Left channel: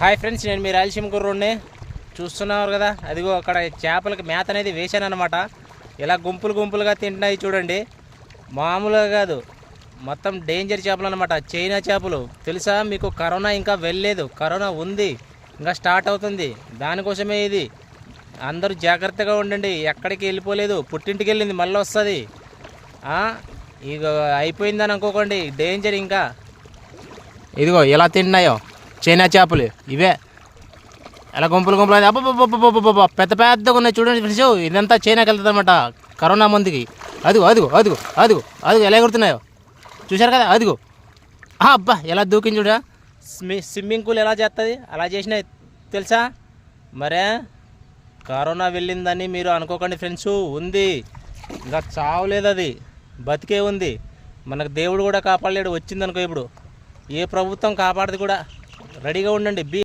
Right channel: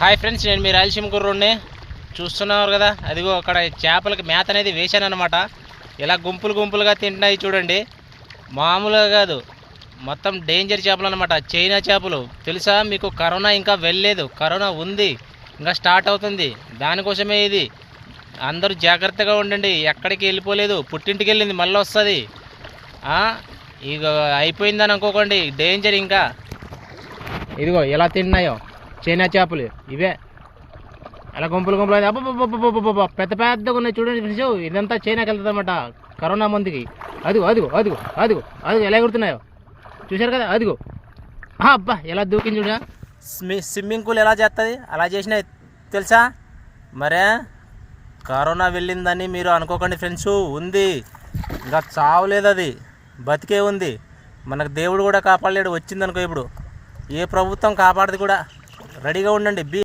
Hi friends, నేను మీ రాయలసీమ కుర్రోడ్ని. చూస్తున్నారు కదా, అదిగో అక్కడ చేపలకి మేత అనేది వేశాను అనమాట. ఇలా గుంపులు గుంపులుగా తింటున్నాయి చూడండి. మామూలుగా కాదు, మొత్తం డేంజర్ చేపలు అనమాట. చైనా చేపలు తెలుసా మీకు? కరోనా ఇంకా వెళ్ళలేదు, కరోనా ఉంది, ఇంకా స్టార్ట్ అవుతుంది. దానికోసమే ఇది. అందరూ జాగ్రత్తగా ఉండండి. ఎక్కడికి వెళ్ళిపోలేదు, పుట్టింటికి వెళ్ళింది, మళ్ళీ వస్తుంది. ఇక అయిపోయిందని అనుకోకండి, డేంజర్ ఇంకా. ఇదిగో ఎలా తింటున్నాయో చైనా చేపలు ఇవే. అలా గుంపులు గుంపులు అబ్బబ్బబ్బబ్బబ్బబ్బ పెద్ద పెద్దగా ఉన్నాయి చూడండి ఫ్రెండ్స్. ఇదంతా చైనాకి వెళ్తుంది అనమాట కరోనా మందుకి. అదిగో అదిగో అదిగో అదిగో అదిగో ఎలా ఎగురుతున్నాయో చూశారు కదా. అదిగో అబ్బా ఎలా దూకింది చూడ. స్విమ్మింగ్ పూల్ ఎలా చేస్తుంది, అలా చేసినాయి తెలుసా. మరే కరోనా వెళ్ళిందని మీరు అనుకోకండి ఫ్రెండ్స్, ఉంది ఇంకా చావలేదు, అది బతికే ఉంది. మనకు దేవుడు కూడా కాపాడలేడు. వచ్చిందనుకో ఇప్పుడు, ఏ ప్రభుత్వం కాపాడదు కూడా. రెడీగా ఉండండి.